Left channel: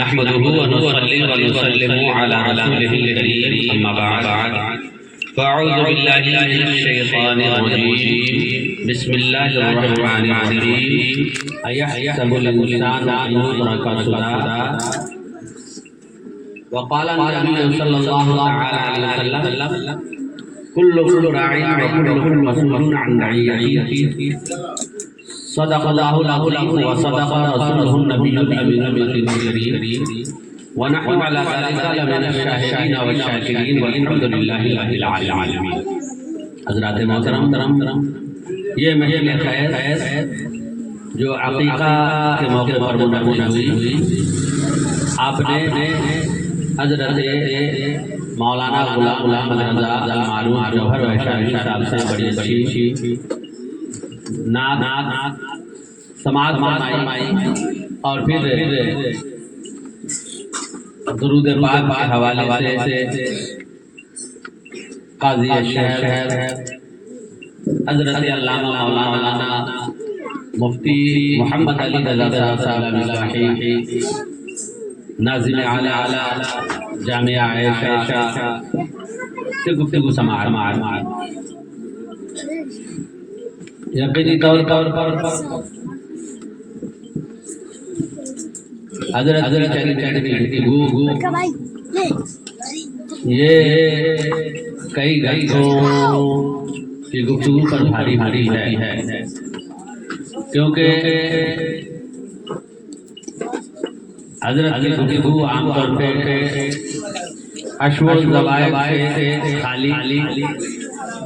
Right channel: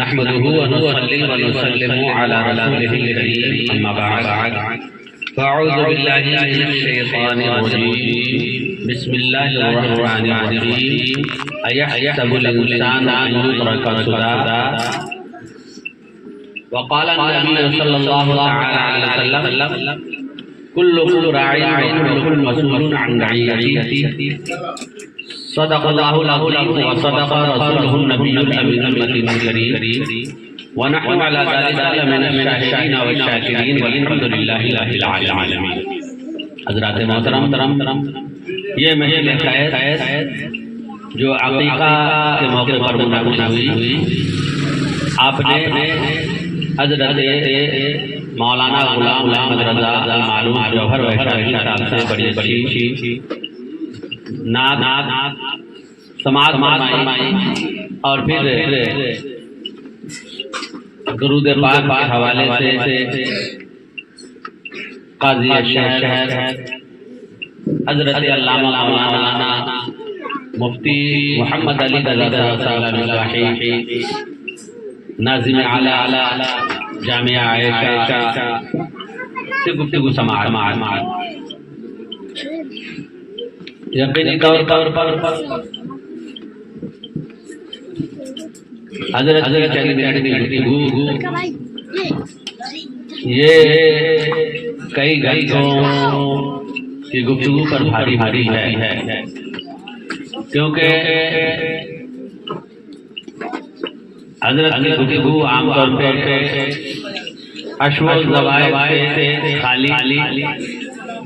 नहमदुहु व नुसल्ली व नुसल्लिमु अला रसूलिहिल करीम अम्मा बअद फ़अऊज़ु बिल्लाहि मिनश शैतानिर रजीम बिस्मिल्लाहिर रहमानिर रहीम अयहसबुल इंसानु अन युत्रका सुदा व क़ाला नबी सल्लल्लाहु अलैहि वसल्लम कुल्लुकुम राइन व कुल्लुकुम मसऊलुन अन रइयतिही सदक़ल्लाहुल अज़ीम व सदक़ रसूलुहुन नबियुल अमीनुल करीम व नहनु अला ज़ालिका लमिनश शाहिदीन व शाकिरीन वल्हम्दुलिल्लाहि रब्बिल आलमीन। हज़रात मोहतरम, ये महफ़िल खैर जो अक़ीक़ा के मौके पर मुनक़्क़िद हुई, आपने हज़रत मौलाना गुलाम अहमद रज़ा मालूम जौहर वैशाली साहब से बड़ी अच्छी नात समाज फरमाई और फिर दुरूद पाक के हवाले से काज़ी शहर हज़रत अल्लामा मौलाना मुफ्ती मोहम्मद अली रज़ा साहब नाज़िम आला जामिया आयशा से गुफ्तगू समार यकीनी तौर पर हज़रत की गुफ्तगू ये कई घंटों की गुफ्तगू पर भारी है, क्योंकि हज़रत की गुफ्तगू आमतौर पर अशवल ज़वाइद से खाली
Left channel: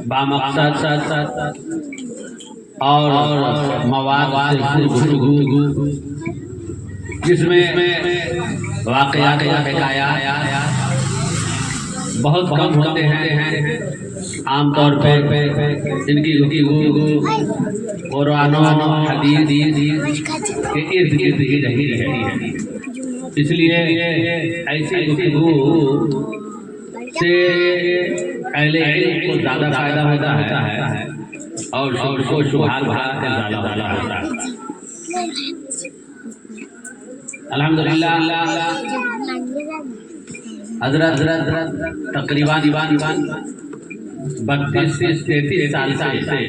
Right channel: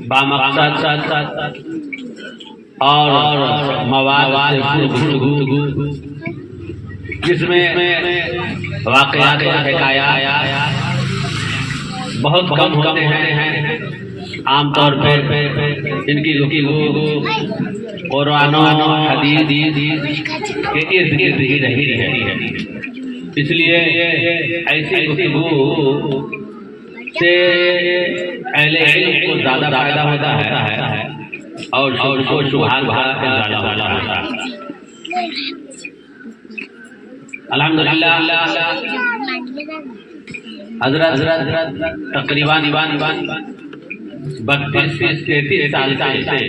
बामक़सद और मवाद से गुफ्तगू जिसमें वाक़यात व हिकायात बहुत कम होते हैं। आमतौर पर इनकी गुफ्तगू कुरान और हदीस के इर्द गिर्द ही रही है। इसलिए ऐसी गुफ्तगू से अहले इल्म को ज़्यादा फ़ायदा होता है और उसको शुबहात ज़्यादा होता है। अल्हम्दुलिल्लाह हज़रत तकरीबन 32 से 33 साल से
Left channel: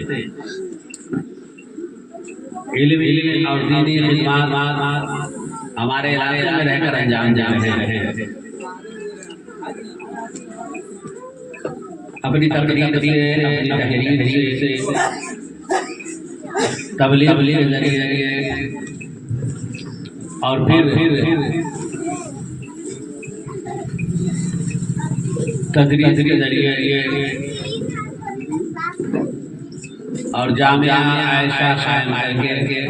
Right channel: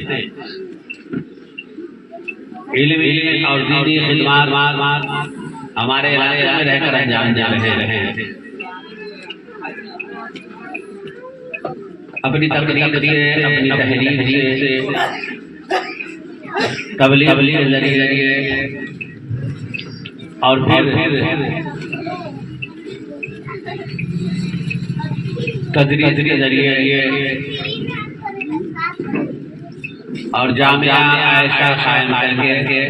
इल्मी और दीनी खिदमत हमारे इलाके में रहकर अंजाम दे रहे हैं। अपनी तकरीर से, अपनी तहरीर से, तबलीग के जरिए और फिर तदरीस के जरिए और जामिया आयशा कायम करके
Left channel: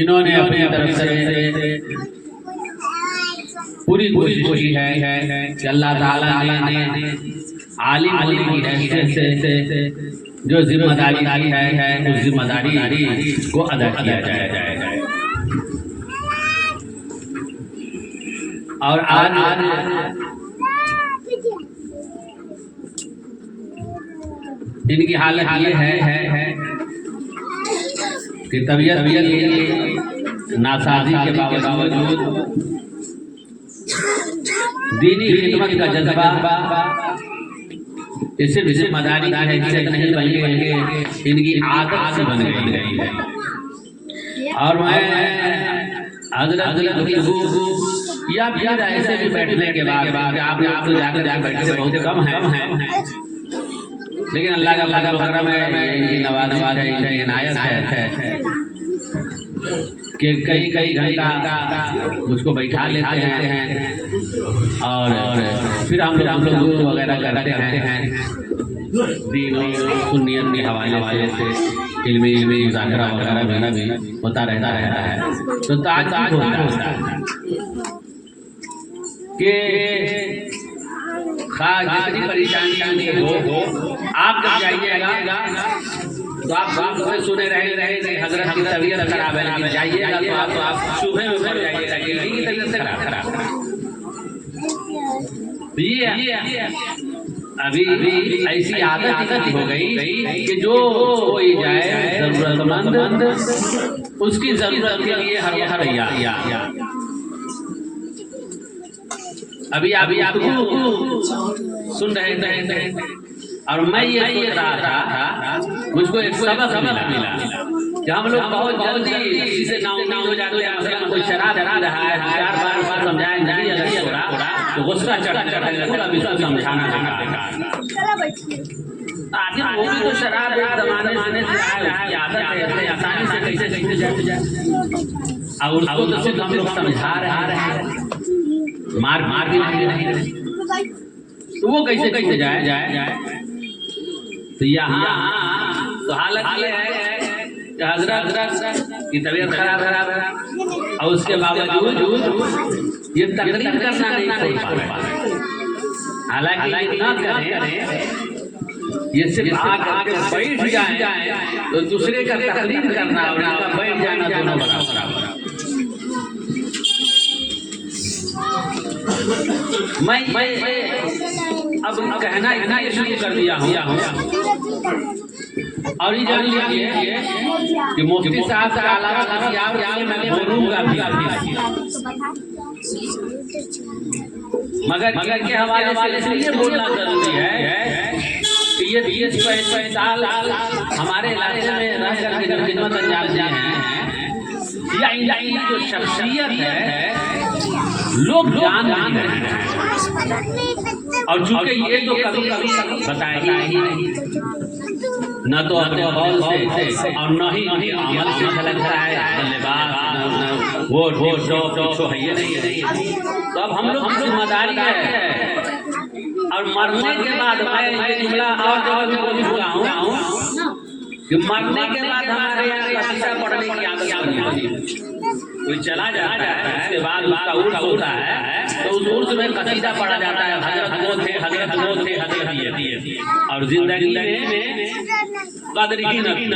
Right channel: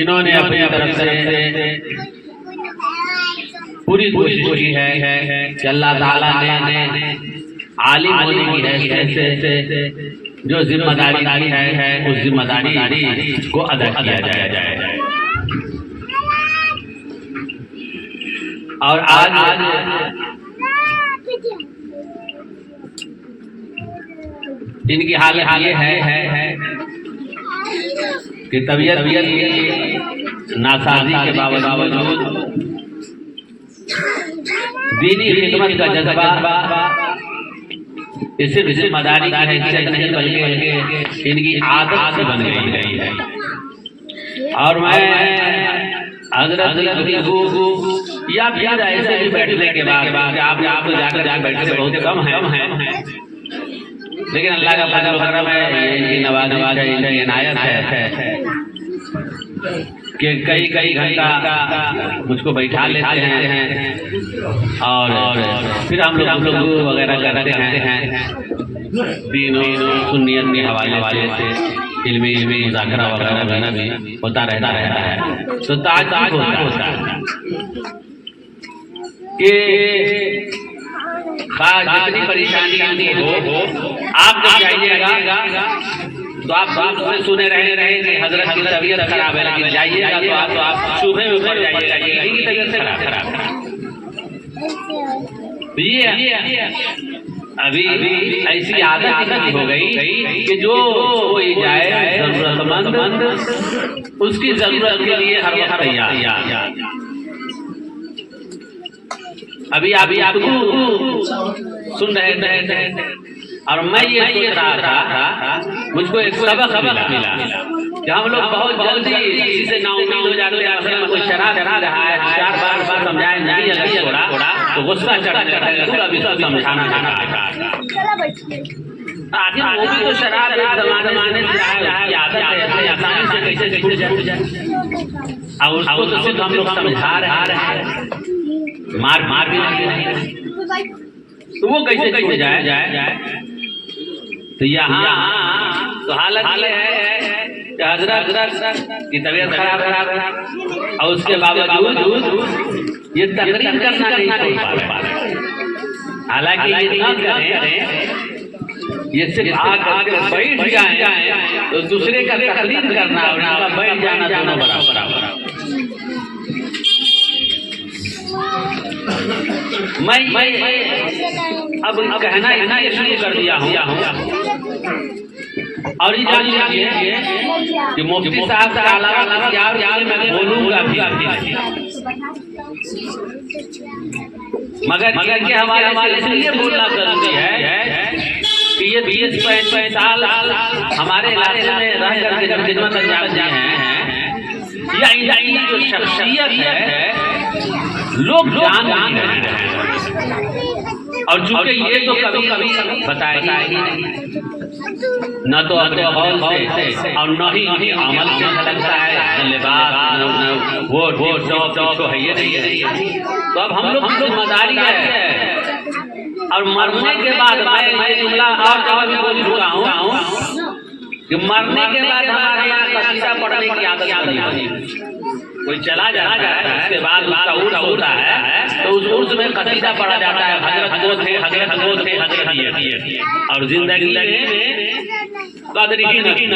इन्होंने अपनी तरफ से पूरी कोशिश की है कि अल्लाह ताला ने आलिम होने की हैसियत से जो जिम्मेदारी है उस जिम्मेदारी को अदा किया जाए। और आज इनकी हालत ये है कि तबीयत नासाजी के बावजूद दीनी खिदमत का जज्बा इसे जिम्मेदारी की हैसियत नहीं बल्कि इनकी आदत से बन गई है। और मैं हज़रत की या फिर ऐसे ही बैठने के बाद आप जाकर बैठने बहुत कम है, लेकिन अल्लाह का करम है, इनकी नवाज़ी इनायत है कि कई घंटा मुझको बैठा लेते हैं और फिर हम लोग वगैरह करते हैं दीन और सुन्नियत के हवाले से इल्मी मुज़ाकरा वगैरह भी होता रहता है। तो ताज होता है कि जितनी परेशानी हो आप जब जाइएगा तो आप सुने रहे कि हज़रत की तबीयत खराब है, लेकिन जाइएगा तो आप सुबह में पड़ जाइएगा कि तबीयत खराब ये अभी ऐसी आदत हो गई कि जो कोई जाए जरूरतमंद उसकी जरूरत के लिए हर वक्त तैयार। अभी आप सुन रहे थे और मैं ये सोच रहा था, मुझको एक सबक मिला कि हम लोग बहुत जल्दी इसे नाउमीद हो जाते हैं। मतलब कोई शराब रहा है, बार समझाया नहीं, अगर छोड़ा तो गुस्सा चढ़ जाता है, पूरा विश्व समझाना पड़ता है। आखिर वो भी तो शराब एक जमाने से आदत है, आसानी से कैसे छूट जाए। और उसको तो सिर्फ हम लोग समझा रहे हैं, मार भी नहीं, तो वो कैसे जाए। तो यहाँ तो हालत ये है कि हजरत की तबीयत खराब है और उसके बावजूद ये तकरीर करना नहीं छोड़ पा रहे। हालांकि ये ना करें, ये सिर्फ आकर बैठ जाए तो दूसरे का तकरीर करना और उनका बैठ जाना दोनों बराबर। मैं अब कहना ये शुरू कर दिया हूँ और ये जान लीजिए कि मुफ्ती साहब का अलावा मैं बोलूँगा भी, मगर के हवाले से ये बोलना जरूरी है कि ये 20-25 साल हमारे इलाके में रह करके जब खिदमत अंजाम दिए हैं, या इनकी जो शख्सियत है लोग जान नहीं रहे हैं। और चूंकि ये तो कभी बताएगा ही नहीं, न तो अपने कौल से और न ही अमल से झलक रहा है, न लिबास, वो है ये नहीं। तो अब हम लोग जिम्मेदारी है। और मरने के बाद मैं ये जुमला भी बोल चुका हूँ कि मरने के बाद हमारे यहाँ कसीदा पढ़ने की आदत नहीं होती। कोई चला जाता है, उसके बाद उसका उर्स होता है, तो उस उर्स में कसीदा पढ़ा जाता है, हजरत वो थे ये। और जिंदगी में कदर की नहीं।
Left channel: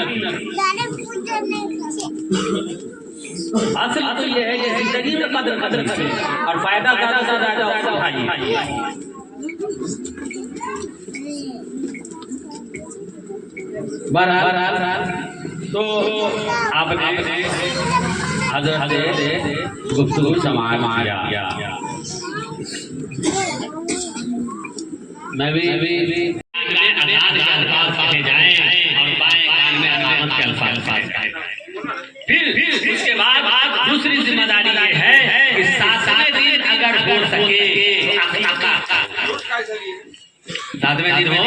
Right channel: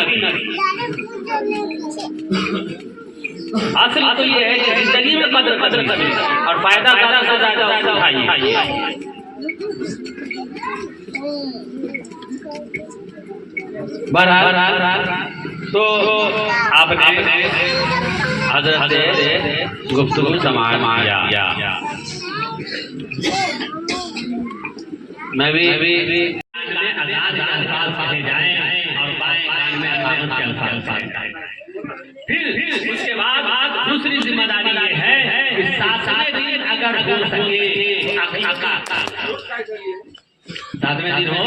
असल तो ये है कि जिंदगी में कदर करें और फायदा ज्यादा से ज्यादा उठाइए। बहरहाल तो आपने हजरत गुफ्तगू समाया, मैं भी कहे जाए और बाएं कान में अल्लाह के अल्फाज कहे। फिर इसके बाद दूसरी जिम्मेदारी ये है कि सातवें दिन अगर हो सके सातवें दिन हो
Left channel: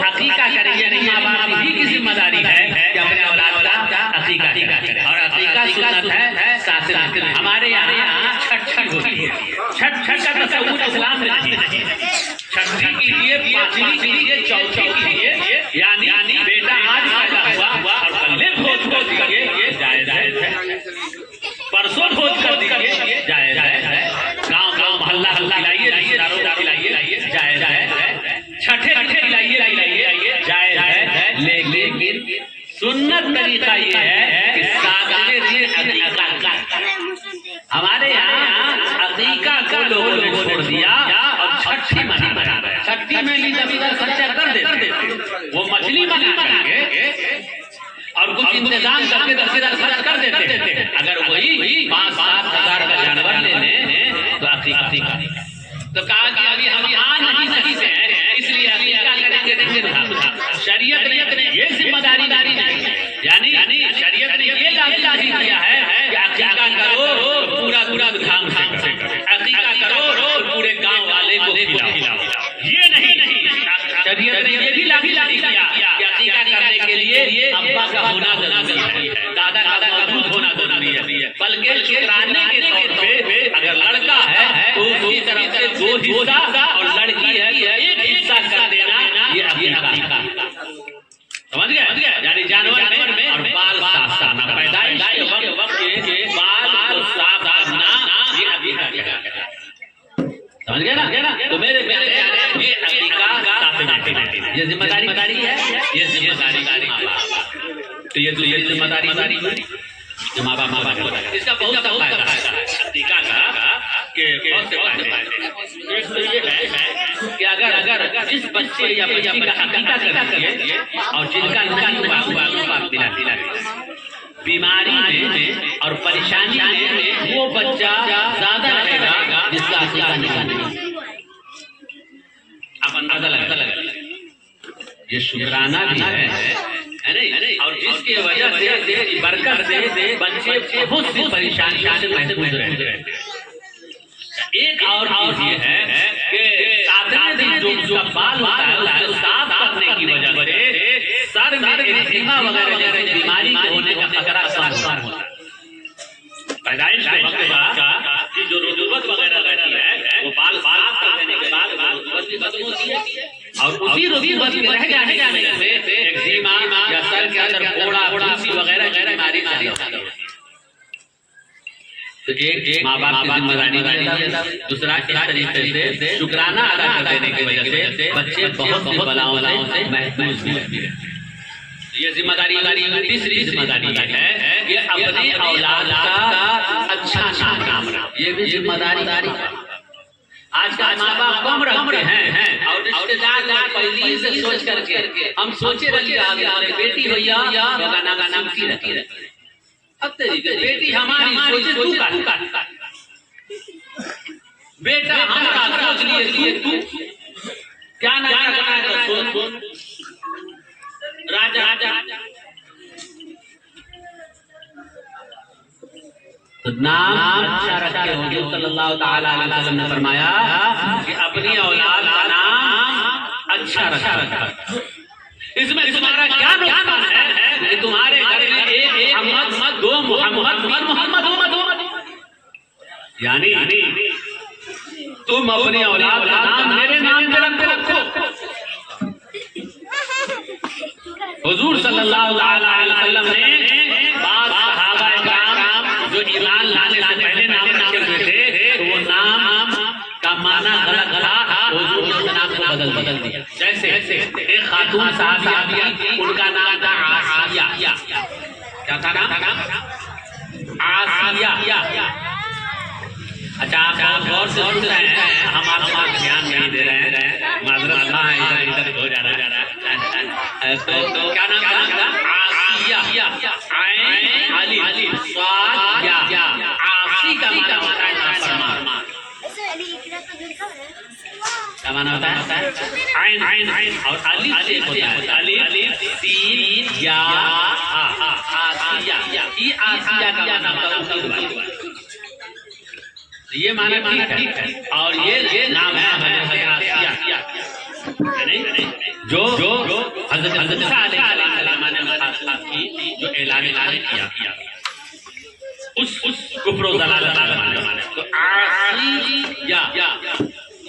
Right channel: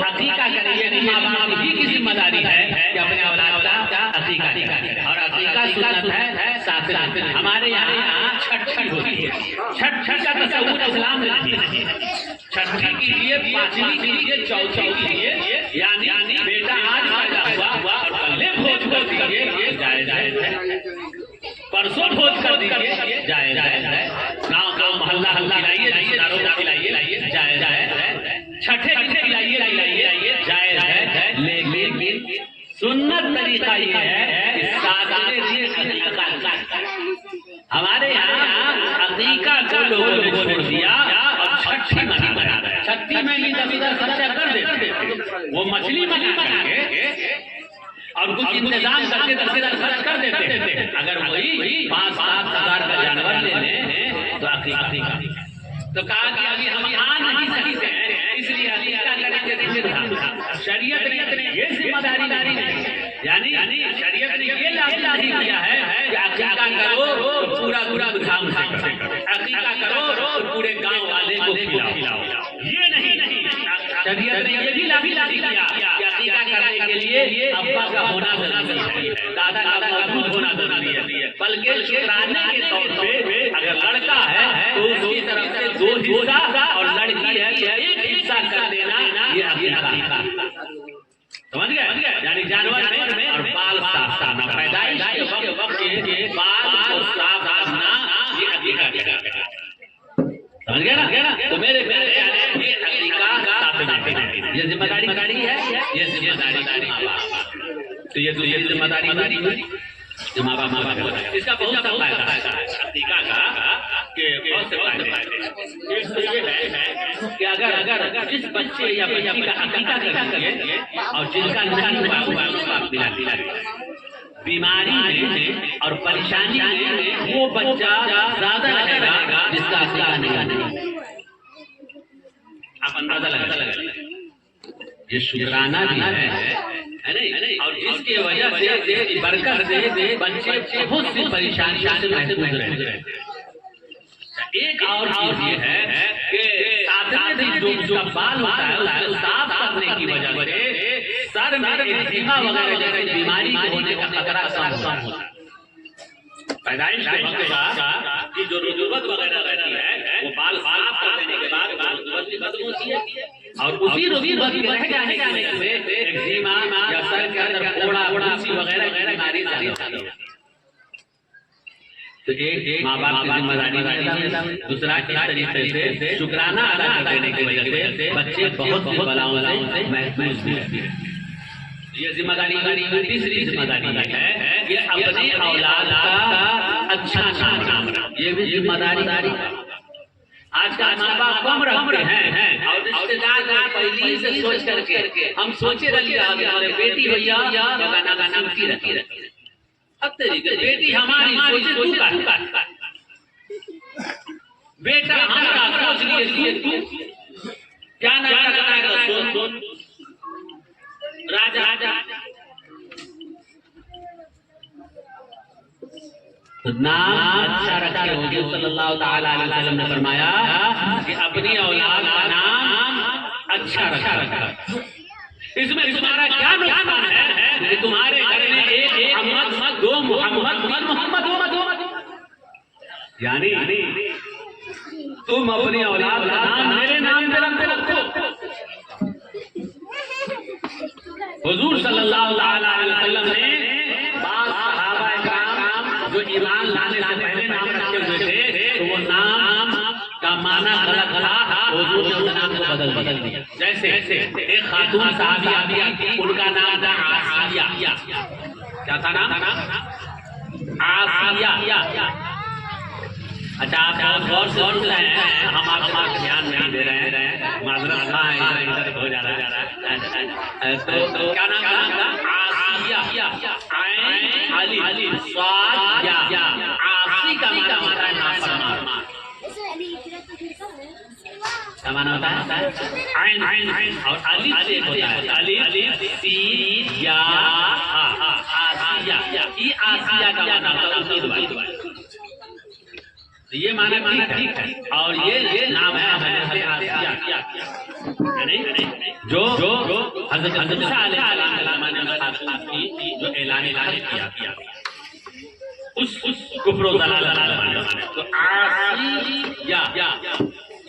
अकीका करेंगे। माँ बाप ही की जिम्मेदारी है कि अपने औलाद का अकीका करें। और अकीका सुन्नत है सातवें दिन। हमारे यहाँ छठ होती है। छठ का तस्वूर इस्लाम में नहीं है। छठी कीजिए, पांचवी कीजिए, चौथी कीजिए, यानी बेटा आज पैदा हुआ और कल भोज कर दीजिए, ये जायज है। परसों भोज कर दीजिए, जायज है। गाँव मोहल्ला खिलाइए, रिश्तेदारों को खिलाइए, जायज है। छठे खिलाइए, जायज है। लेकिन सुन्नत तरीका ये है कि सातवें दिन अकीका। हमारे यहाँ अकीका को लोगों ने छोड़ दिया और छठी मना बराबर। छठी में भी जब खर्चा कर देते, वो मछली बनाएंगे और कुछ इंतजाम करके खर्च कर देते। अगर वही 5-7 हज़ार का जानवर ले लें तो अकीका। तो कहा कि अभी हम यहाँ नहीं सकते हैं, इसलिए अकीका करेंगे। शरीयत ने ये जिम्मेदारी नहीं, यानी शरीयत ने ये लाज़िम किया है कि अकीका करो पूरा धाम से करो, अकीका करो पूरे गांव वाले को खिलाओ। ये नहीं, शरीयत ने ये भी लाज़िम किया कि अकीका करने के लिए अब्बा का होना जरूरी है, दादा का मौजूद होना जरूरी है। बल्कि शुक्राने के तौर पे अगर लड़का है तो उसकी तरफ से 2 हिस्सा और लड़की है तो 1 हिस्सा कर देना, ये अकीका। समझ गया? यानी जानवर में और बाल साफ करना, पैदाइश के वक्त के बाल को साफ करना, ये अकीका। समझ गया ना? तो मेरे प्यारे ये अकीका ये जिम्मेदारी है, ये जिम्मेदारी। तो ये जिम्मेदारी जो माँ बाप इसका बहुत फायदा है अकीका का। एक तो ये है कि अगर जिस बच्चे या बच्ची का अकीका करेंगे और जिनका नाम बीमारी में और परेशानी में वो बच्चा ज्यादा लगेगा जिसका अकीका नहीं। आप अंदाजा लगा ये शुक्राना भी है नहीं, और जिसकी वजह से बरकत से बच्चे बहुत सी परेशानियों से महफूज रहते हैं। एक और ये है कि सातवें दिन जो उसका बाल होता है उसको साफ करने की वजह से सर में एक्जिमा वगैरह जैसे बीमारी होने का खतरा कम होता है। पैदाइश के वक्त बाद की जो रुतूबत वगैरह रहती है वो बाल साफ कर देने के बाद रुतूबत भी खत्म होती है, और उसी रुतूबत के रह जाने से एक्जिमा या सर के अंदर फोड़ा फुंसी वगैरह की बीमारी चालू होती है। तो एक माँ बाप की जिम्मेदारी है, दूसरा इस तरीके से शुक्राना अदा कर देने की वजह से बच्चे बहुत सी बलाओं से महफूज भी रहते हैं। ये जिम्मेदारी तीसरी जिम्मेदारी है कि अपनी औलाद का अच्छा नाम रखना, ये भी जिम्मेदारी। आजकल माँ बाप कम रखते हैं और रिश्तेदार पहले से सोच करके हम सोचे रखिए आगे हमारे बेटी भैया गाना गाना की रखी बेटी हमारी सोचे तू का बेटा हमारा सोच लिए तू क्या ना क्या सोच राजा नाम अच्छा रखे होंगे। सल्लल्लाहु ताला अलैहि वसल्लम ने फरमाया कि अपनी औलाद का नाम अच्छा रखा। इसमें तुम्हारा क्या नुकसान है कि तुम्हारे घर में एक मोहम्मद, दो मोहम्मद हो, यानी तुम अपनी औलाद का नाम मेरे नाम पे रखो। हुजूर सल्लल्लाहु अलैहि वसल्लम ने बाद सहाबा किराम जो ईमान लाने से पहले नाम रखे हुए थे तो वो नाम का माना गलत था, हुजूर ने उस नाम को बदल दिया। जैसे एक खातून साहबिया थी, उनका नाम था आसिया। क्या था नाम? आसिया। अच्छा, आप गौर से सुन रहे हैं, हम आपका ध्यान नहीं दे रहे हैं, माजरत है, इधर हो जा रहा है। तो क्या नाम था? आसिया। अली स्वाद या आसी का नाम क्या माना होता है? आइन और अली से होता है। अली तीन या आसिया, ये आसिया का नाम ये माना ठीक है, और ये नाम है आसिया नहीं जो हज़रत मूसा अलैहिस्सलाम ने जो ऐलान किया उस कुफ्र व ज़लालत तो आसिया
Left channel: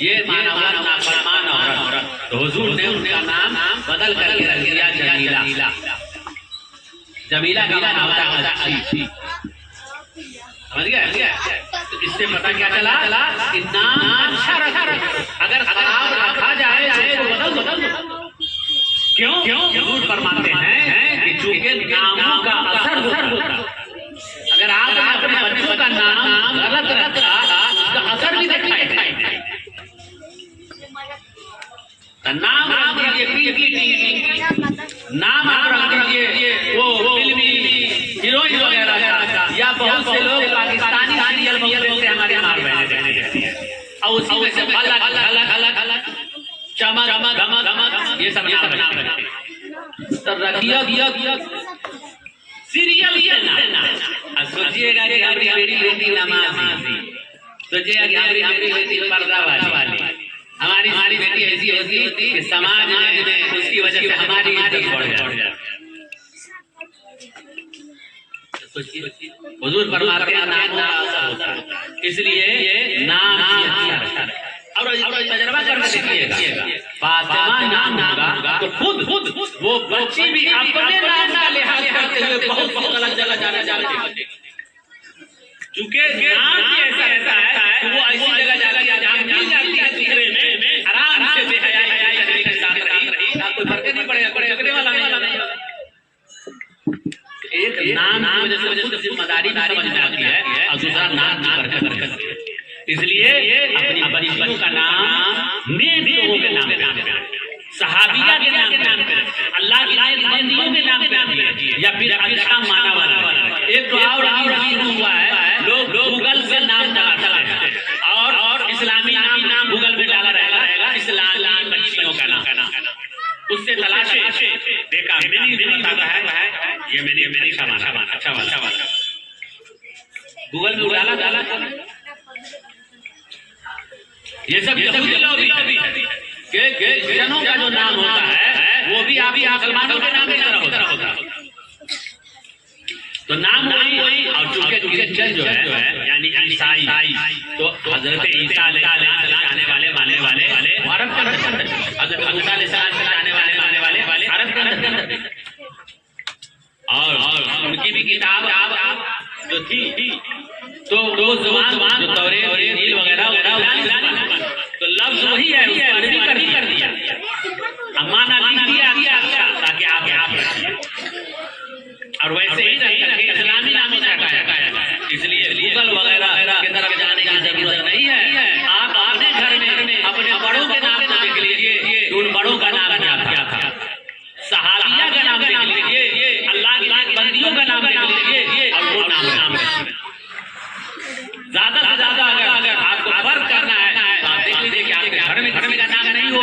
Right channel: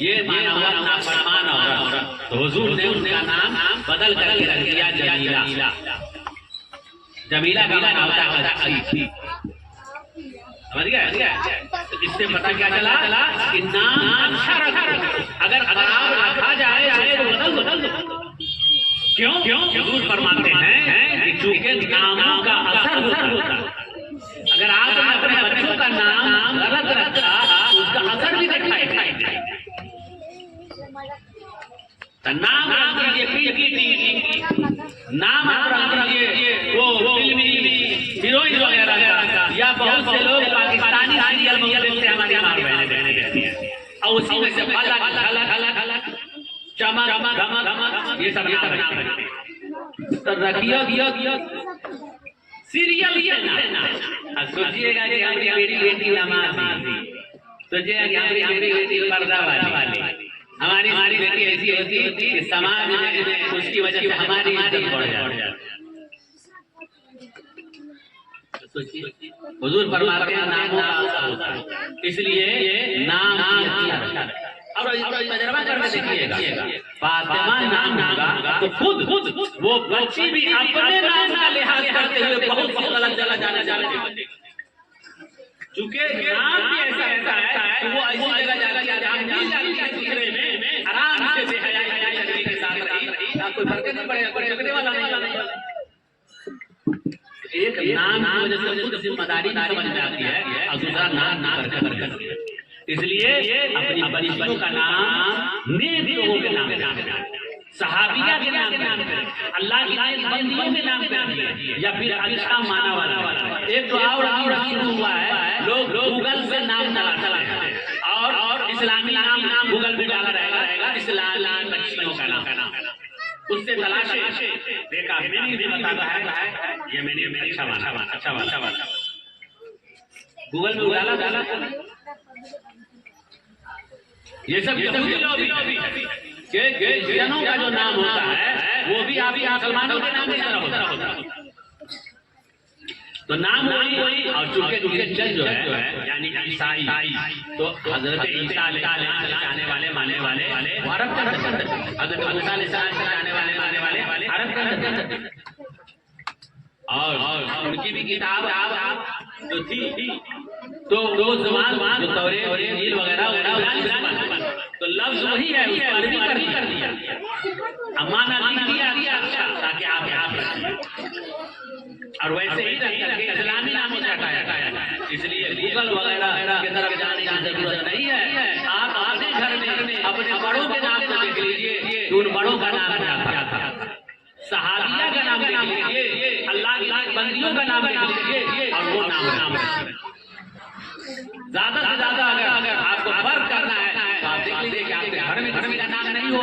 ये माना हुआ नाफरमान औरत। तो हुजूर ने उनका नाम बदल करके रख दिया जमीला नाम होता है। समझ गया? तो इससे पता क्या चला कि नाम अच्छा रखा। अगर खराब रखा जाए तो बदल दो। क्यों? हुजूर फरमाते हैं कि चूंकि नामों का असर होता है। अगर आपने अपने बच्चों का नाम गलत रखा उसका असर भी दिखाई देगा। नाम रख दीजिए नाम रख दीजिए वो फिल्मी हीरोइन वगैरह या बहुत से लोग पाकिस्तानी सीरियल देखते हैं, हमारे बहने देखती है, और उसी में से अलग चमक ये सब नाम बनते तो रखिए सीरियल ये ना सोचिएगा कि हमारी बेटी नमाज़ी, सोचिएगा कि हमारी बेटी पर्दा वाली, हमारी बेटी ऐसी होती कि समाज में उसकी वजह से हमारी इज्जत बढ़ जाती। हुजूर फरमाते हैं नामों का असर होता है, इसलिए ये नाम और तजर्बा करके देखिएगा। फातिमा नाम होगा तो खुद वो बच्ची भी अपने नाम का लिहाज करते हुए बहुत गलत जगह जाना चाहती है, क्योंकि नाम ऐसा है वो ऐसी जगह जहाँ मिल जाती है दूसरे में आराम से बेहयाई के साथ रही, कोई फर्क नहीं पड़ेगा, झगड़े वाला नहीं। एक नाम की वजह से जिम्मेदारी समझ में आती है और दूसरा नाम करके इसलिए अपनी बच्चियों का नाम नेक लोगों के नाम सहाबिया के नाम पे, अल्लाह की बंदियों के नाम पे दिए, या फिर अच्छा माना वाला। एक तो और शुरू हुआ है, लोग गूगल से नाम चलाते हैं और इस्लामी नाम गूगल में डाला रहेगा, इस्लामी मछलियों का नाम, उससे तलाशे देखा मैंने भी बताता है, ये मैंने अच्छा वाला गूगल में डाला ये सब के जनों का जो नाम होता है वो भी आप मुसलमानों के नाम की तरह होता है। तो नाम वही और चूंकि चल जो है यानी ईसाई, तो हजरत ईसा आने वाले मानने वाले अरब के अंदर, हजरत मूसा आने वाले अरब के अंदर, और उनकी भी किताब जो थी तो वो ज़बान जो तौरेत और इंजील वगैरह तो लफ्ज वही है, उसको अरबी कर दिया, अमाना लिख दिया ताकि आप रखिए, और वैसे ही इस्लामी नाम से हटाया। इसलिए गूगल वगैरह की तरफ जाने की जरूरत नहीं है। आप अपने घर में अपने बड़ों के नाम लिख लीजिए, उन बड़ों का नाम क्या था, सहाबिया का नाम लिख लीजिए, अल्लाह की बंदियों का नाम लिख लीजिए, और वो नाम रखिए। ज्यादा से ज्यादा अगर आपको फर्क करना है तो आप देख लीजिए कि आपके घर में किसी का नाम नहीं हो,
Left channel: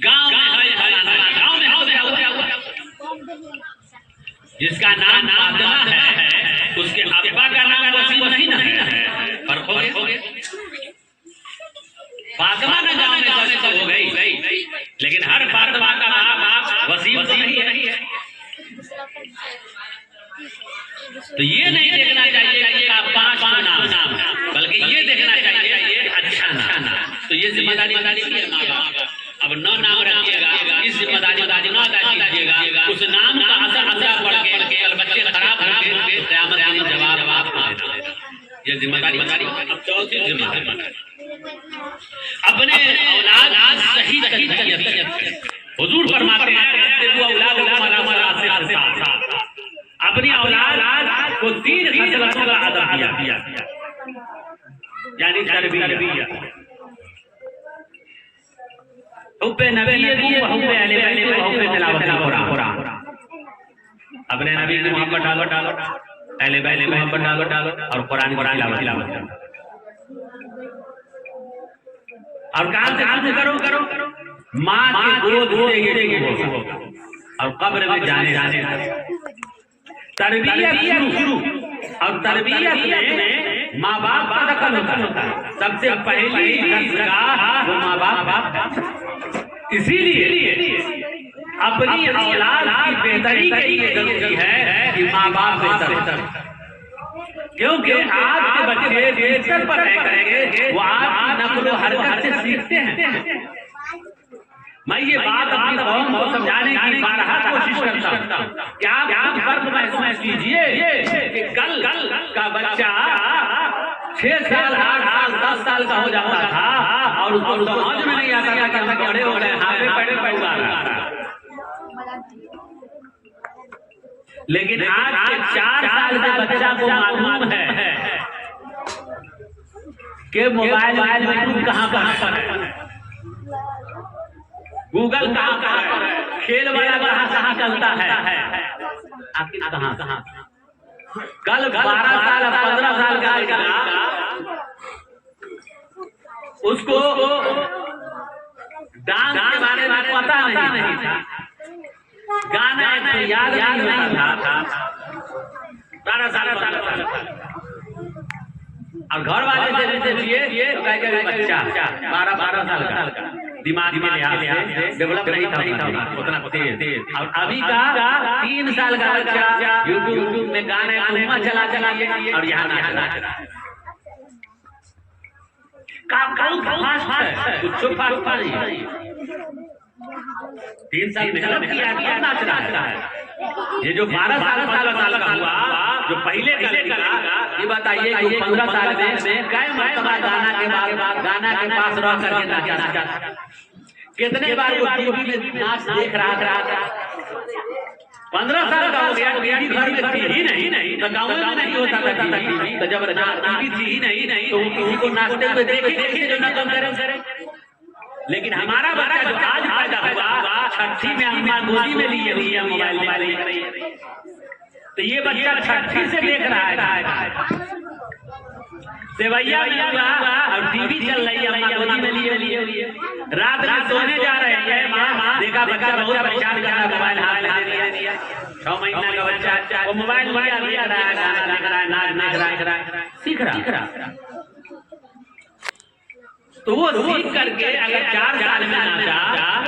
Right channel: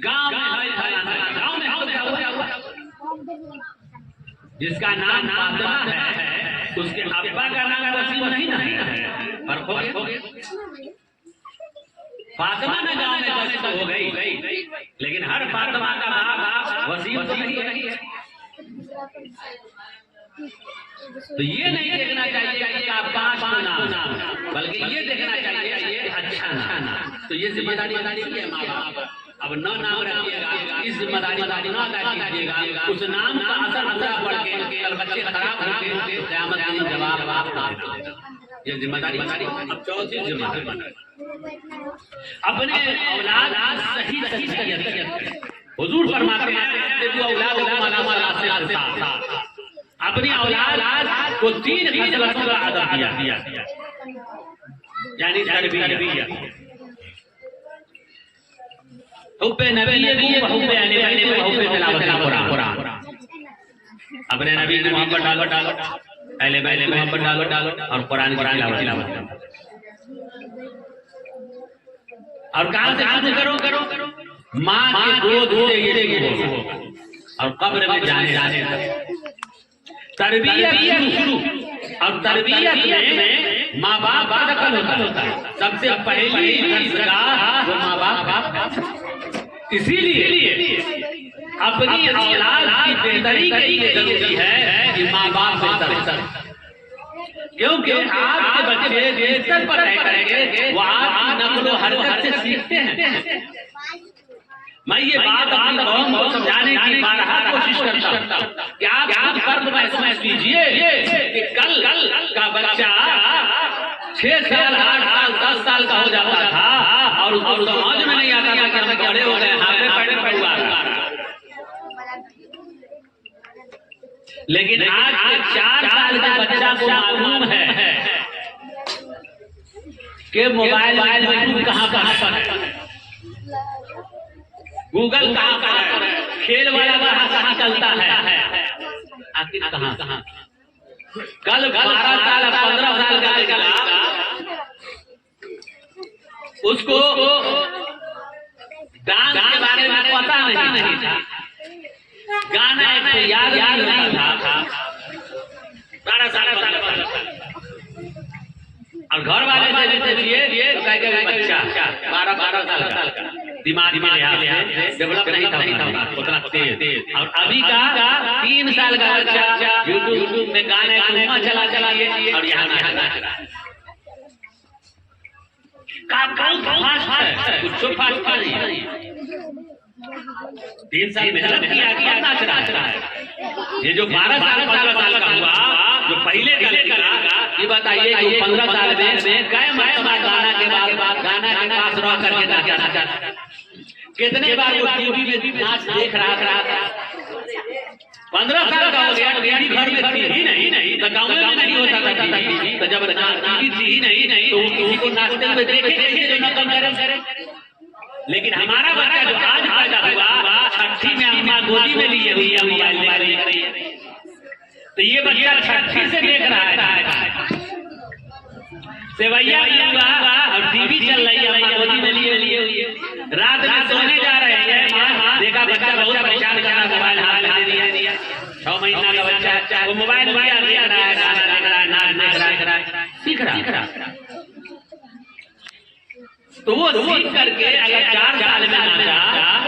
गांव में क्या हुआ, जिसका नाम फातिमा है उसके अब्बा का नाम वसीम नहीं ना है, फर्क हो गया। फातिमा ने गांव में सब हो गई, लेकिन हर फातिमा का बाप वसीम तो नहीं है। तो ये नहीं देखना चाहिए कि आप 5 नाम, बल्कि ये देखना चाहिए ये अच्छा नाम। तो ये जिम्मेदारी है माँ बाप। अब 9 नाम रखिएगा, इस जिम्मेदारी न अदा कीजिएगा, उस नाम का असर पड़ के बच्चे खराब होंगे, क़यामत में जवाब ये जिम्मेदारी। अब चौथी जिम्मेदारी अपने औलाद सही तरबियत करें। हुजूर फरमाते हैं अपनी औलाद को 3 खसलतों का अदब दिया, यानी तरबियत। हुब्बे नबी व हुब्बे अहले बैत व हुब्बे तिलावत कुरान। अपने नबी की मोहब्बत डालो, अहले बैत की मोहब्बत डालो, और कुरान की तिलावत। और कहां से करो माँ के गोद से और कब्र में जाने तरबियत शुरू। और तरबियत में माँ बाप का दखल होता है, सबसे पहली दरगाह वो माँ बाप का। इसीलिए अपनी औलाद की बेहतरी के लिए जरूरी है कि माँ बाप बेहतर, क्योंकि आपके बच्चे जिस स्तर पर करेंगे वो आपकी नक्ल हरकत से सीखते हैं। मैं ये बात अपनी कौम को समझाने की बारहा कोशिश करता हूँ कि आप फर्क महसूस कीजिए कि कल का बच्चा 6 साल 8 साल 10 साल का हो जाता था और उसको समझ में नहीं आता कि हम बड़े हो गए, हाथे पड़े परिवार। लेकिन आज के 4 साल के बच्चा को मालूम है कि मोबाइल में कहाँ पर है, गूगल कहाँ पर है, खेल वाला कहाँ चलता है, आखिर कहाँ। कल 12 साल 15 साल का लड़का उसको डांस के बारे में पता नहीं था, गाना याद नहीं था, 12 साल और घर वाले से ये बच्चा 12 साल का दिमाग में लिहाज से डेवलप नहीं था उतना तेज। और अभी का 3 साल का बच्चा यूट्यूब में गाना चला और यहाँ नाच रहा है। कुछ फास्ट नहीं, 3 साल मेहनत किया नाच रहा है। ये जो 12 साल का हुआ जो पहले ये बताइए कि 15 साल में कई मरतबा गाना के पास रह करके नाच रहा, कितने बार वो नाच देख रहा था। 15 साल का हो गया, घर में थी ही नहीं, तो गाँव में नहीं होता था टीवी, तो जब टीवी थी ही नहीं तो किसी को नाचते हुए देखे किसी जो नकल करे। लेकिन हमारा बच्चा जो आज पैदा हुआ छठी में अम्मा गोदी में लिए हुई है मोबाइल लेकर, तो ये बच्चा छठी से देख रहा है सेवैया और टीवी चल रही है, अम्मा गोदी में लिए रात में सोने जा रहे हैं, देखा बच्चा बहुत परेशान कर रहा है, मोबाइल हाथ में दिया 6 महीना का बच्चा वो मोबाइल देख रहा है सीख रहा। तो वो सीख करके अगर 4 साल में नाचा,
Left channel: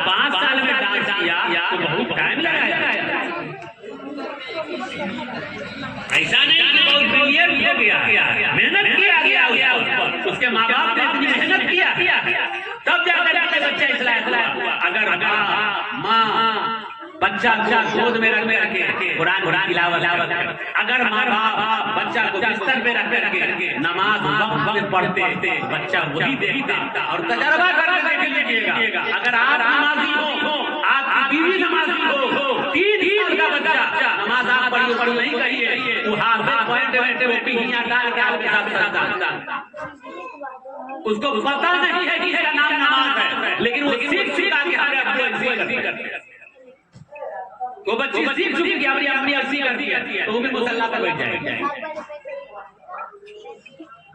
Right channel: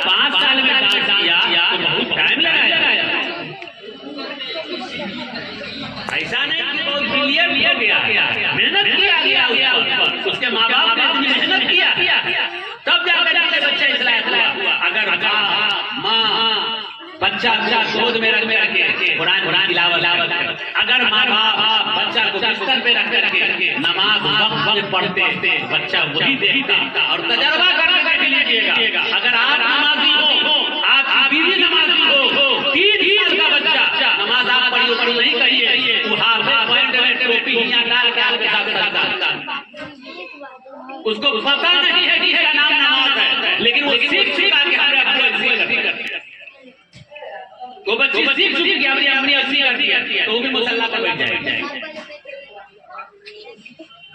5 साल में डांस किया तो बहुत टाइम लगाया। ऐसा नहीं कि बहुत क्लियर हो गया, मेहनत किया गया उसके माँ बाप ने अपनी मेहनत किया तब जाकर के बच्चा इसलाह हुआ। अगर माँ बच्चा गोद में रख के कुरान तिलावत, अगर माँ बाप बच्चा को बिस्तर पे रख करके नमाज वक्त में पढ़ते बच्चा वही देखता और तजर्बा करने के लिए देगा। अगर आप नमाजी हो, आपकी बीवी नमाजी हो, 3 साल का बच्चा नमाज आप पढ़ी नहीं कहिए, वो टोपी डाल के आपके साथ उसको पता नहीं है कि इसका नाम नमाज है, लेकिन वो सीख आगे वो बच्ची सीख चुकी कि अपनी अपनी करती है तो वो भी मुसल्ला पर बैठ जाएगी।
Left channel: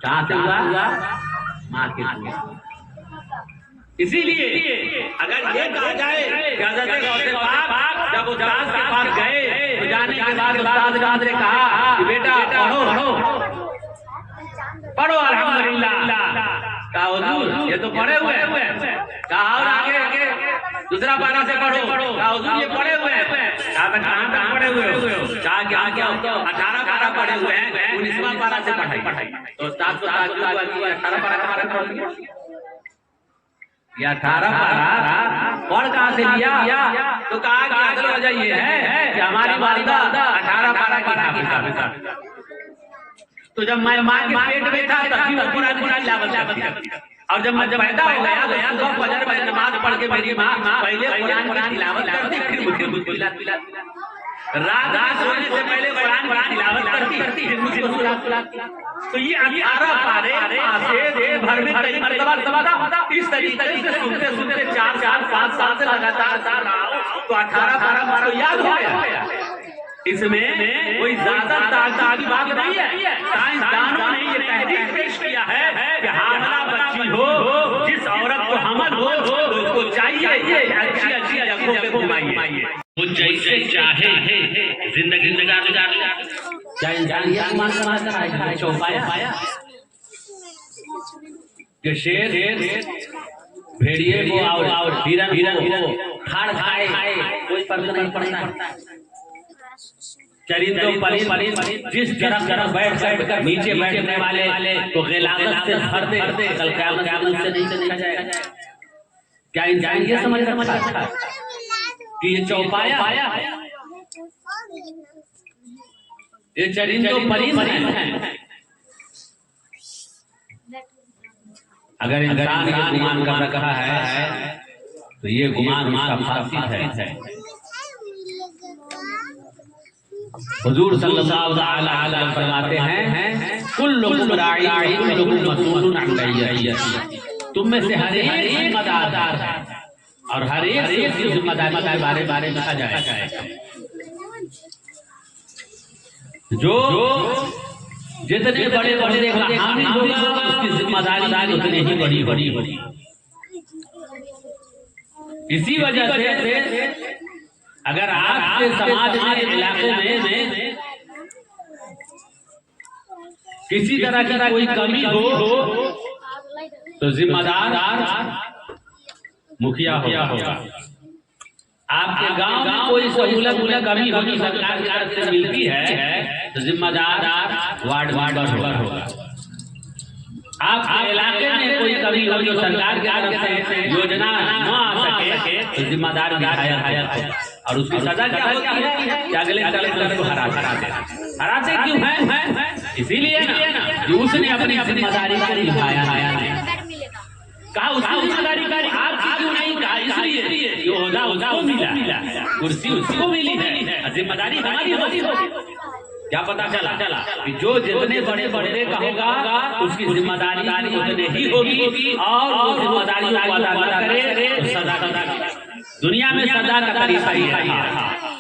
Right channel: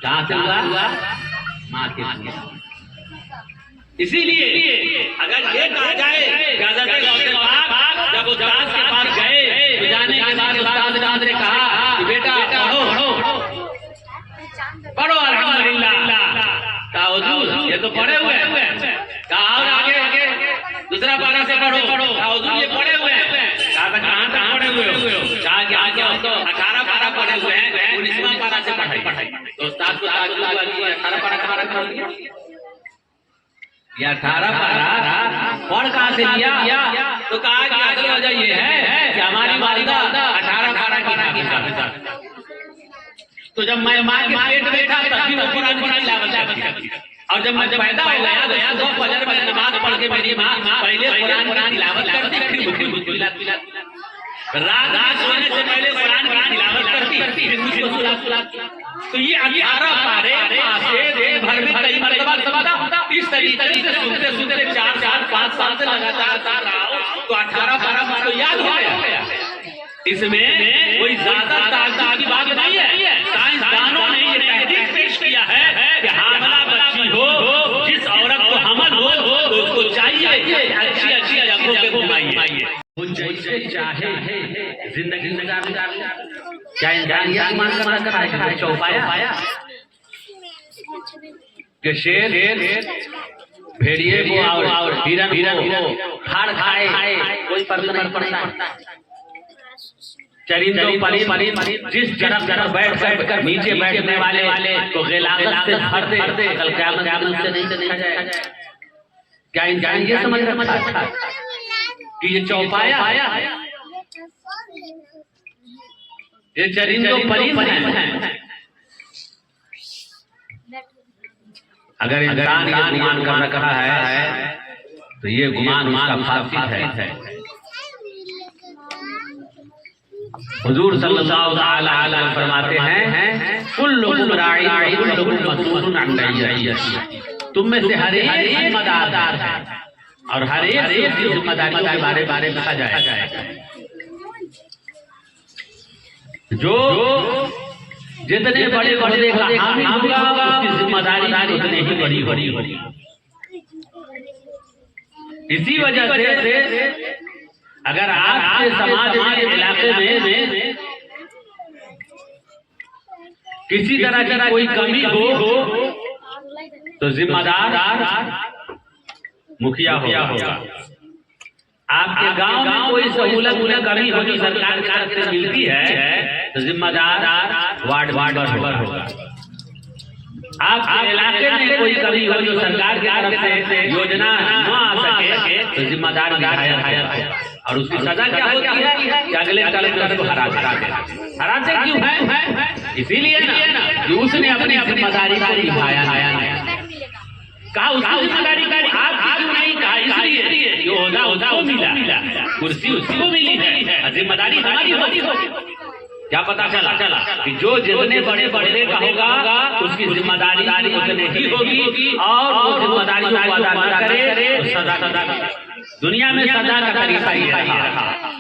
कहाँ से हुआ? माँ के लिए। इसीलिए अगर ये कहा जाए जब वो उस्ताद के पास गए तो जाने के बाद उस्ताद ने कहा बेटा पढ़ो अल्हम्दुलिल्लाह, कहा हुजूर ये तो पढ़े हुए हैं, कहा और आगे दूसरा पारा से पढ़ो, कहा हुजूर ये पढ़े हुए हैं, कहा कहाँ तक पढ़े हुए हो, कहा क्या 18 पारा पढ़े हुए हैं, 19वां पारा से पढ़ाई। तो उस्ताद को 18 पारा पढ़ लिया, या 18 पारा पढ़ कहाँ से लिया? तो कहा कि असल वजह ये है कि हमारी वालिदा 18 पारा पढ़ा। तो जब मैं माँ के पेट में था तभी वो कुरान की तिलावत करती, और जब मैं पैदा हो गया तो फजर में नमाज पढ़ के मेरी माँ पहले कुरान की तिलावत करती, फिर मुझे दूध पिलाती, रात सोने से पहले कुरान की तिलावत करती, फिर मुझे दूध पिलाती। तो ये 18 पारे से दिन भर में कई मरतबा सबका इस तरीके से सुनते 4-5 साल से लगातार रहा हो तो 18 पारा तो याद हो गया। इसमें कोई ज्यादा ताकत की बात नहीं है। साइंसदानों ने ये तहरीक पेश किया है कि हामला बच्ची हो, जिस औरत को हमल हो तो उसको चाहिए अच्छी जगहों पे घुमाइए, वो जैसे चाहे जिंदगी गुजार क्या इंसान ये आसमान का चौपाया कि शेर भेड़िए को और हिरन को फाड़ खाए कोई फर्क नहीं पड़ता। चरिंदों परी जिस तरफ बैठ कर नीचे बैठने वाले तो गिलागत से भरते कल क़यामत से नहीं चला जाएगा। क्या इंसान ये समझ रखा था कि ये चौपाया ये चरिंदों परी हैं? अगर इंसान ये गुमान कर रखा है तो ये गुमान फासिद है। हुजूर सल्लल्लाहु अलैहि वसल्लम फरमाते हैं कुल्लुकुम राई व कुल्लुकुम मसऊलुन अन रइयतिही, तुम में से हर एक जिम्मेदार है और हर एक से जिम्मेदारी के बारे में कहा जाएगा। जो जितने बड़े हामी होगा उसकी जिम्मेदारी उतनी ही बड़ी होगी। इसी वजह से अगर आपके समाज के इलाके में किसी तरह की कोई कमी हो तो जिम्मेदार मुखिया होगा। आपके गांव में कोई सहूलत कमी होगी सरकार की तरफ से मिलती है तो जिम्मेदार वार्ड होगा। आपके इलाके में कोई कमी होगी सरकार की तरफ से योजना न आ सके तो जिम्मेदार विधायक और उसकी सजा क्या होती है कि अगले कलेक्टर को हराते क्यों है? इसीलिए ना कि उसने अपनी जिम्मेदारी को निभाया है। कहा उसकी जिम्मेदारी का हाथ क्यों नहीं कहा? इसलिए जो होगा उसको मिला, कुर्सी उसको मिली है, जिम्मेदारी हमारी होती। क्या पता चला कि जो जितने बड़े बड़े का होगा उसकी जिम्मेदारी उतनी ही होगी, और वो जिम्मेदारी को अदा न करे तो सजा दुनिया में सजा का तरीका ही है,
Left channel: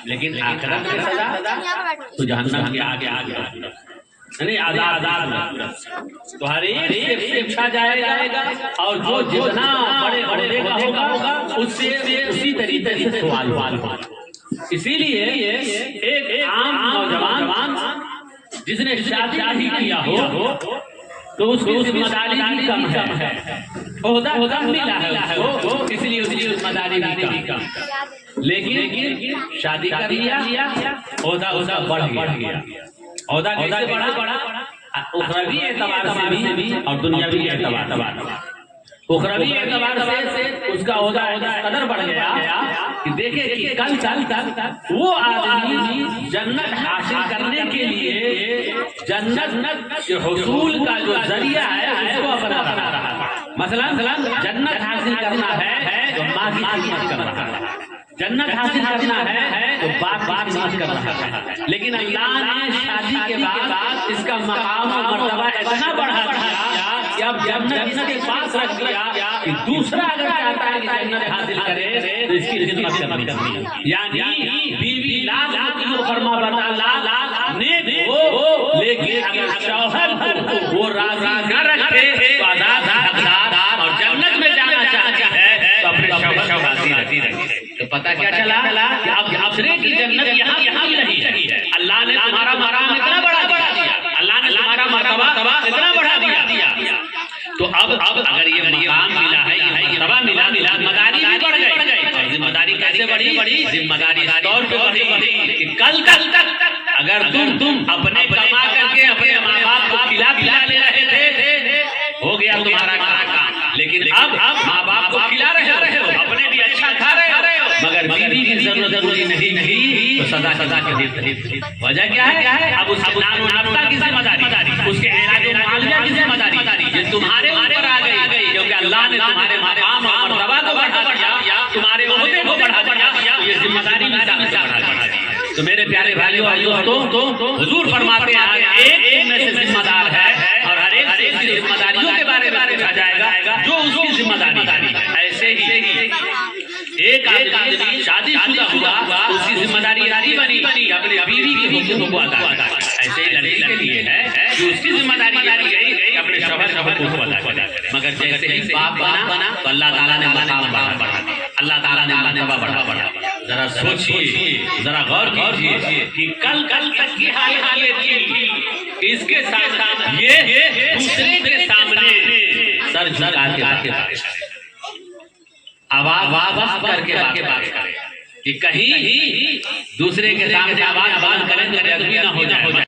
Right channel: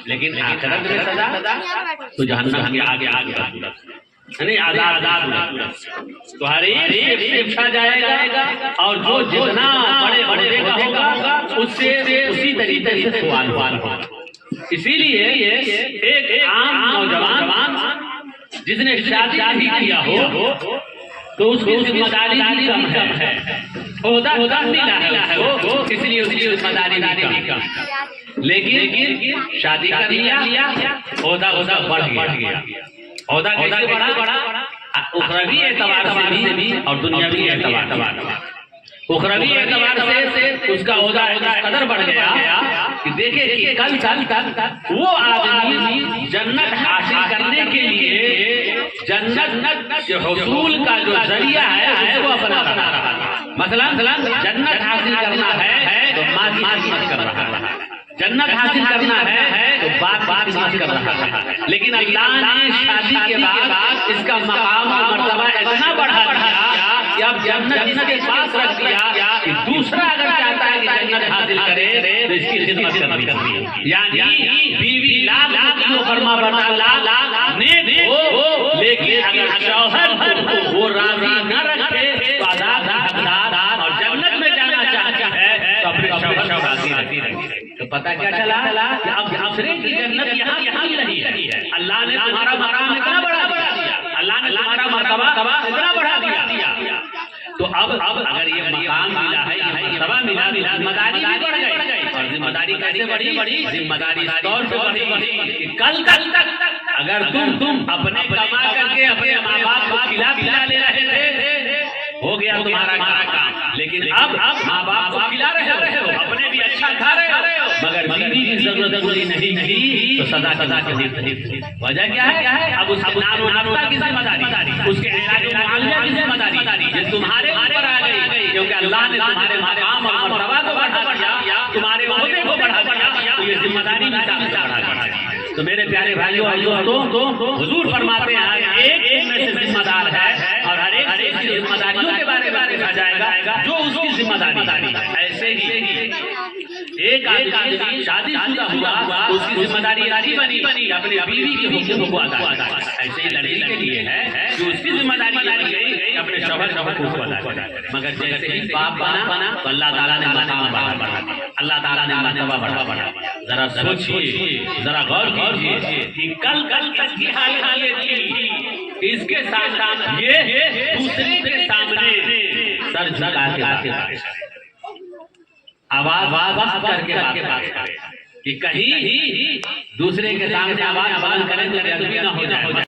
लेकिन आखिरत में सजा तो जहन्नम के आगे नहीं आजाद तो हर एक शिक्षा जाएगा, और जो जितना बड़े बड़े का होगा उससे उसी तरीके से सवाल होगा। इसीलिए एक आम नौजवान जिसने शादी भी किया हो तो उसकी जिम्मेदारी भी कम है, ओहदा मिला है वो, इसलिए उसकी जिम्मेदारी भी कम। लेकिन शादी कर लिया, ओहदा बढ़ गया। ओहदा कैसे बढ़ा? उखरवी एतबार से भी और दुनियावी एतबार। उखरवी एतबार से उसका ओहदा कदर बढ़ गया कि देखे कि कल वो आदमी जन्नत हासिल करने के लिए जन्नत के हुसूल का जो जरिया है उसको अपना रहा है। मसलन जन्नत हासिल करना है तो माँ की खिदमत कर रहा है, जन्नत हासिल करना है तो बात कर रहा है। लेकिन अल्लाह ने शादी के बाद इसका मकाम और मर्तबा इतना बढ़ा दिया कि अब जन्नत इसके पास रख दिया कि दूसरा अगर चाहता है कि जन्नत हासिल करे तो इसकी खिदमत करनी है। यानी बीवी लाख फरमा बना लाख ने हो, लेकिन अगर शौहर को वो राजी न रखे तो आजाद हकदार और जन्नत में जाना चाहता है तो अपने शौहर को राजी रखे। तो पता क्या चला कि अब दूसरे की जन्नत यहाँ ही रही है। अल्लाह ने तुम्हारा मकाम इतना बढ़ा दिया, अल्लाह ने तुम्हारा मर्तबा इतना बढ़ा दिया। तो अब अगर ये मकाम मिला है, ये मर्तबा मिला, जिम्मेदारी भी बढ़ गई। और जिम्मेदारी कैसे बढ़ी? जिम्मेदारी इस तौर पे बढ़ी कि कल तक अगर तुम अपने कमा करके अपने माँ बाप को खिला ले रहे थे, हो गया तुम्हारा काम। लेकिन अब माँ बाप को खिला रहे हो, अपने भी अच्छा खा रहे हो, मगर बीवी की जरूरत पूरी नहीं तो सदा के वजह क्या है? अब उसकी नाता की जिम्मेदारी, उसके इलाज मालिया की जिम्मेदारी ये तुम्हारे ऊपर आ गई, क्योंकि अल्लाह ने तुम्हारे मकाम और मर्तबा को बढ़ा दिया, तुम्हारे ओहदे को बढ़ा दिया, ये जिम्मेदारी भी बढ़ा दी। तो मेरे प्यारे भाइयों तो हुजूर फरमाते हैं एक में से जिम्मेदार है, और हर एक की जिम्मेदारियों के बारे में पूछा जाएगा जो उसकी जिम्मेदारी है। ऐसे ही एक आदमी शादीशुदा हुआ, उसकी जिम्मेदारी बनी अपनी बीवी के हुक्म को अदा करना। ऐसे ही लड़की के लिए है कि उसकी जिम्मेदारी अपने शौहर को अदा करे। मगर जैसे ही बाप बना तो अल्लाह ताला ने मकाम बढ़ा, अल्लाह ताला ने मर्तबा बढ़ा। जरा सोचिए, जरा गौर कीजिए कि कल तक की हालत ये थी, इसके साथ ये दूसरे के सामने सर झुका के आवाज करके बात करे कि कहीं दूसरे के सामने आवाज करें तो बेअदबी ना हो जाए।